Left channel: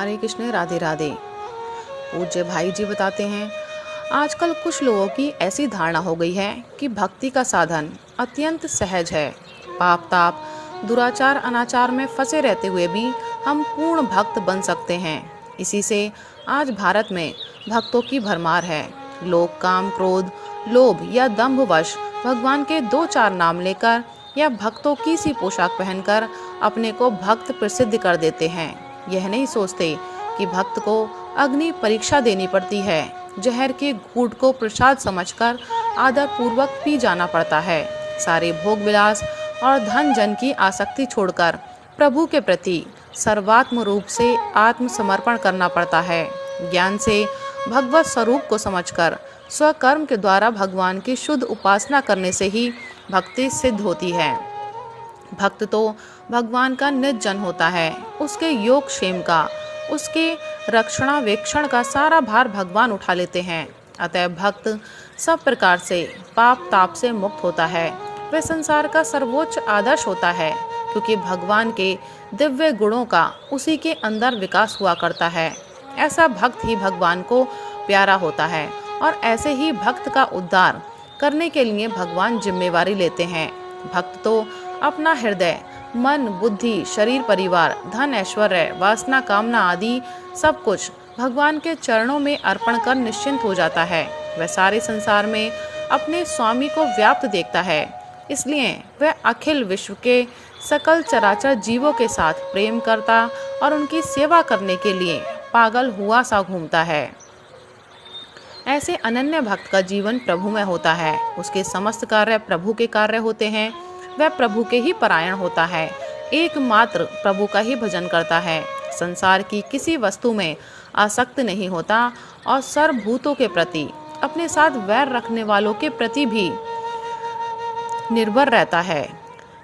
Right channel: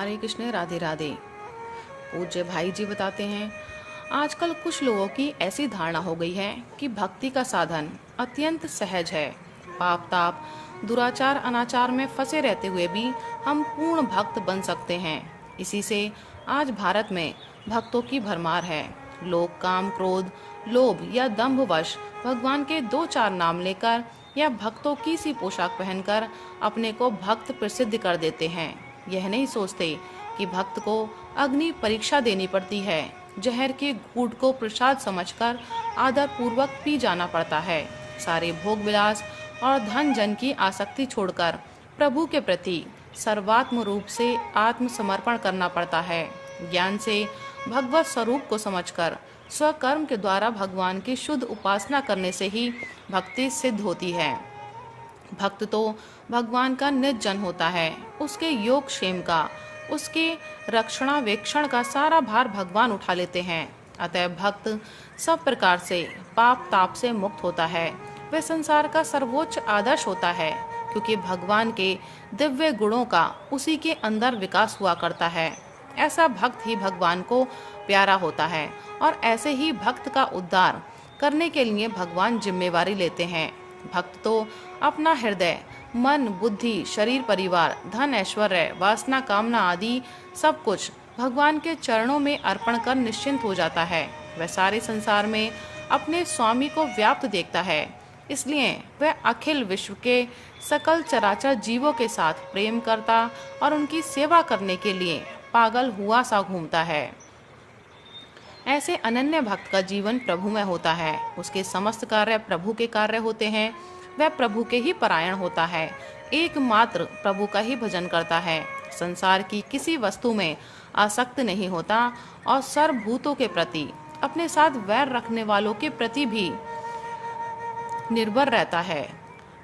हरे कृष्ण, राधे राधे। पूज्य भाई जी बताते हैं, आजकल कुछ लोगों की ऐसी धारणा हो गई है कि भक्ति का साधन अत्यंत सहज है। पाप ताप दुराचार अनाचार में फंसे रहते हुए भी हम पूर्ण भक्त बन सकते हैं। इसी से आज भारत में भक्तों की भरमार है। लोग काम क्रोध लोभ या दंभवश भगवान के दो चार नाम लेकर या भक्तों की सी पोशाक पहनकर अपने को भक्त प्रसिद्ध कर देते हैं। यह नहीं सोचते कि भक्त को अग्नि परीक्षा देनी पड़ती है। जहर के घूंट को प्रसाद समझकर आदर पूर्वक पी जाना पड़ता है। सारे भोग विलास और धन जन की आसक्ति छोड़कर प्रभु के प्रति सर्वात्म रूप से आत्मसमर्पण करना पड़ता है। ज्ञान से भगवत स्वरूप को समझकर स्वकर्म के द्वारा भगवान की शुद्ध उपासना करने से ही भक्ति सिद्ध होती है। भक्त तो भगवान का निज जन होता है। उसके योग क्षेम का, उसके रक्षणावेक्षण का सारा भार भगवान उठा लेते हैं। अतः भक्त सब प्रकार से पाप ताप से मुक्त होता है। वह संसार का सर्वोच्च आदर्श होता है, क्योंकि भगवान के दिव्य गुणों का उसी के अंदर विकास हुआ करता है। ऐसा भक्त ही भगवान को प्यारा होता है और ऐसे ही भक्त का उद्धार करने के लिए भगवान जिम्मेवारी लेते हैं। भक्त तो अपना हृदय मन बुद्धि शरीर परिवार धन ऐश्वर्य वासना कामना आदि सब कुछ भगवान के चरणों में अर्पण कर निश्चिंत हो जाता है। वह सारे संसार में अपने स्वामी को व्याप्त देखता है। इसलिए वह अखिल विश्व के सकल चराचर जीवों के साथ प्रेम करता और उनकी सेवा करने के लिए पागल हुआ सा घूमता है। ऐसे अनन्य भक्त का जीवन प्रभु में होता है। उसके समस्त कार्य प्रभु के कार्य होते हैं। वह प्रभु के ही परायण होता है। एकमात्र प्रभु का ही भजन करता है। संसार की किसी वस्तु में आसक्त नहीं होता और सर्वभूतों के प्रति अपने साथ वैर रखने वालों के प्रति भी निर्भर रहता है।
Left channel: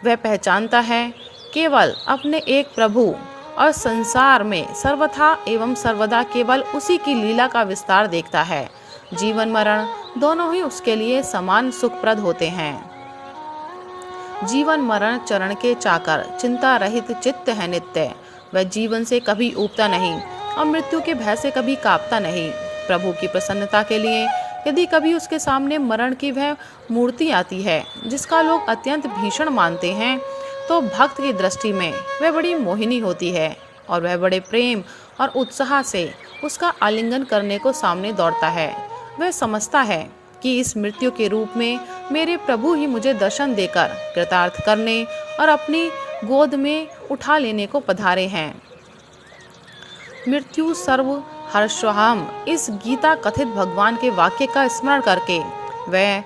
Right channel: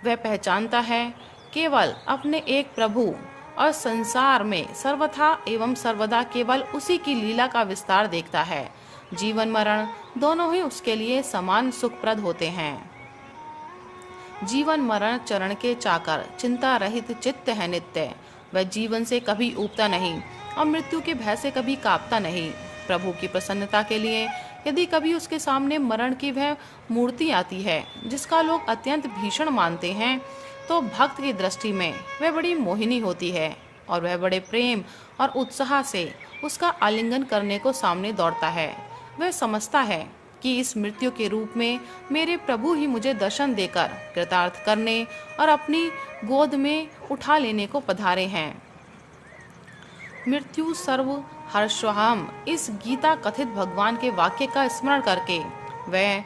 वह पहचानता है केवल अपने एक प्रभु और संसार में सर्वथा एवं सर्वदा केवल उसी की लीला का विस्तार देखता है। जीवन मरण दोनों ही उसके लिए समान सुखप्रद होते हैं। जीवन मरण चरण के चाकर चिंता रहित चित्त है नित्य। वह जीवन से कभी ऊबता नहीं और मृत्यु के भय से कभी कांपता नहीं। प्रभु की प्रसन्नता के लिए यदि कभी उसके सामने मरण की वह मूर्ति आती है जिसका लोग अत्यंत भीषण मानते हैं, तो भक्त की दृष्टि में वह बड़ी मोहिनी होती है और वह बड़े प्रेम और उत्साह से उसका आलिंगन करने को सामने दौड़ता है। वह समझता है कि इस मृत्यु के रूप में मेरे प्रभु ही मुझे दर्शन देकर कृतार्थ करने और अपनी गोद में उठा लेने को पधारे हैं। मृत्यु सर्व हर्षोहम इस गीता कथित भगवान के वाक्य का स्मरण करके वह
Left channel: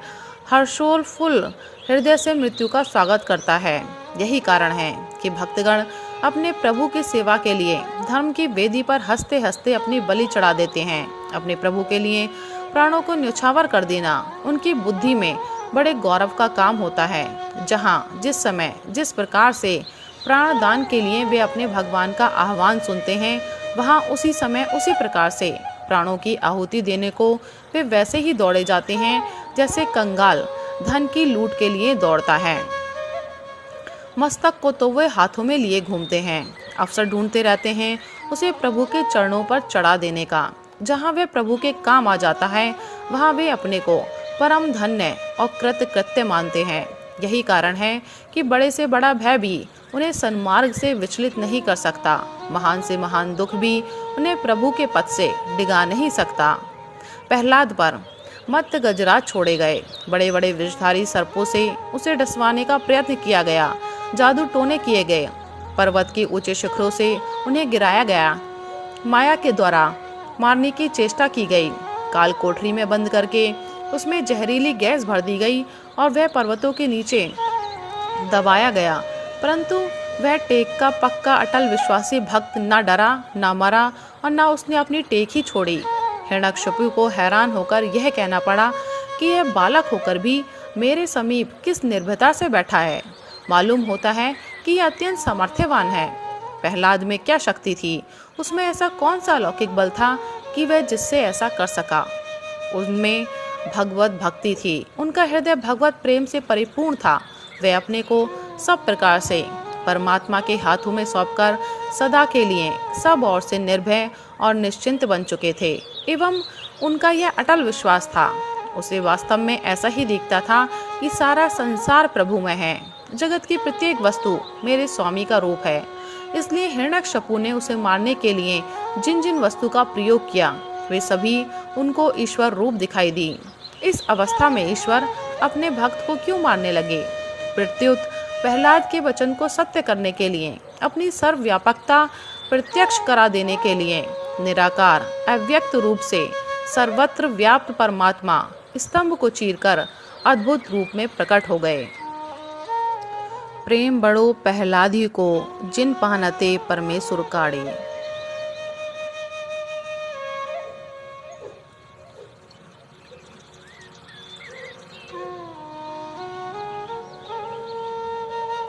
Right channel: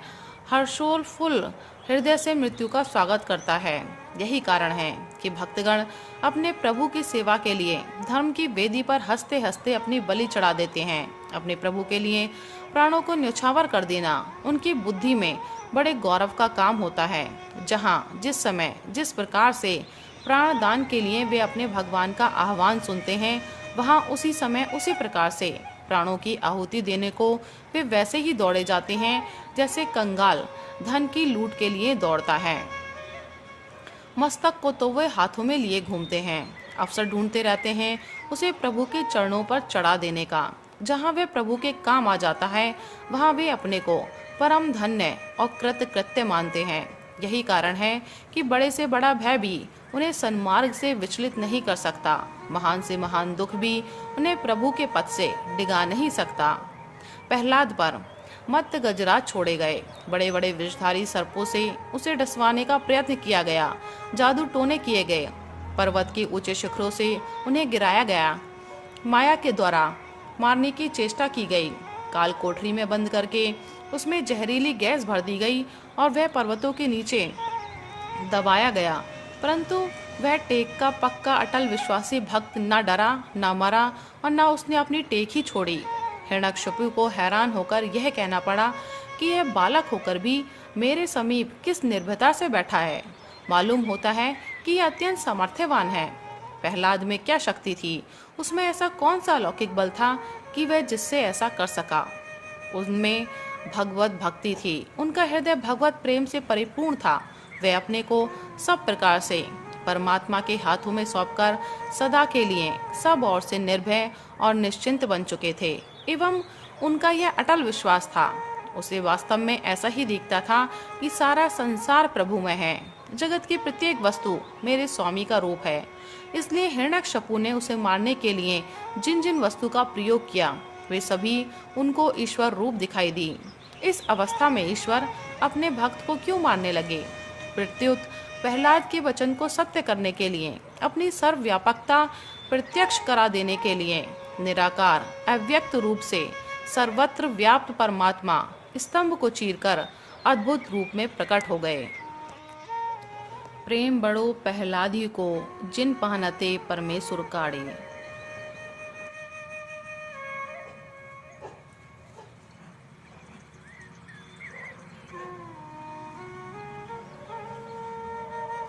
हर्षोल्फुल हृदय से मृत्यु का स्वागत करता है। यही कारण है कि भक्तगण अपने प्रभु की सेवा के लिए धर्म की वेदी पर हंसते हंसते अपनी बलि चढ़ा देते हैं। अपने प्रभु के लिए प्राणों को न्यौछावर कर देना उनकी बुद्धि में बड़े गौरव का काम होता है। जहाँ जिस समय जिस प्रकार से प्राण दान के लिए वे अपने भगवान का आह्वान सुनते हैं, वहाँ उसी समय उसी प्रकार से प्राणों की आहुति देने को वे वैसे ही दौड़े जाते हैं जैसे कंगाल धन की लूट के लिए दौड़ता है। मस्तक को तो वे हाथों में लिए घूमते हैं। अवसर ढूंढते रहते हैं उसे प्रभु के चरणों पर चढ़ा देने का। जहाँ वे प्रभु के काम आ जाता है, वहाँ वे अपने को परम धन्य और कृतकृत्य मानते हैं। यही कारण है कि बड़े से बड़ा भय भी उन्हें सन्मार्ग से विचलित नहीं कर सकता। महान से महान दुख भी उन्हें प्रभु के पथ से डिगा नहीं सकता। प्रहलाद पर मत्त गजराज छोड़े गए। बड़े बड़े विषधारी सर्पों से उसे डसवाने का प्रयत्न किया गया। जादू टोने किए गए। पर्वत के ऊंचे शिखरों से उन्हें गिराया गया। माया के द्वारा मारने की चेष्टा की गई। काल कोठरी में बंद करके उसमें जहरीली गैस भर दी गई और वह पर्वतों के नीचे दबाया गया, परंतु वह टेक का पक्का अटल विश्वासी भक्त न डरा न मरा और न उसने अपनी टेक ही छोड़ी। हिरण्यकशिपु को हैरान होकर यह कहना पड़ा कि यह बालक होकर भी मेरे समीप किस निर्भयता से बैठा है। मालूम होता है कि यह अत्यंत सामर्थ्यवान है। प्रहलाद में क्या शक्ति थी? उसमें ऐसा कौन सा अलौकिक बल था कि वह जिससे ऐसा कर सका? उनमें भगवत भक्ति थी। उनका हृदय भगवत प्रेम से परिपूर्ण था। वे अपने को सब प्रकार से परमात्मा के हाथों में सौंपकर सदा के लिए सब ओर से निर्भय और निश्चिंत बन चुके थे एवं उनका यह अटल विश्वास था। उसे वास्तव में ऐसा ही दिखता था कि सारा संसार प्रभुमय है, जगत की प्रत्येक वस्तु मेरे स्वामी का रूप है। इसलिए हिरण्यकशिपु ने उसे मारने के लिए जिन जिन वस्तु का प्रयोग किया वे सभी उनको ईश्वर रूप दिखाई दी। इस अवस्था में ईश्वर अपने भक्त को क्यों मारने लगे? प्रत्युत प्रहलाद के वचन को सत्य करने के लिए, अपनी सर्वव्यापकता प्रत्यक्ष करा देने के लिए निराकार अव्यक्त रूप से सर्वत्र व्याप्त परमात्मा स्तंभ को चीरकर अद्भुत रूप में प्रकट हो गए। प्रेम बड़ो प्रहलादी को जिन पहनते परमेश्वर काड़े।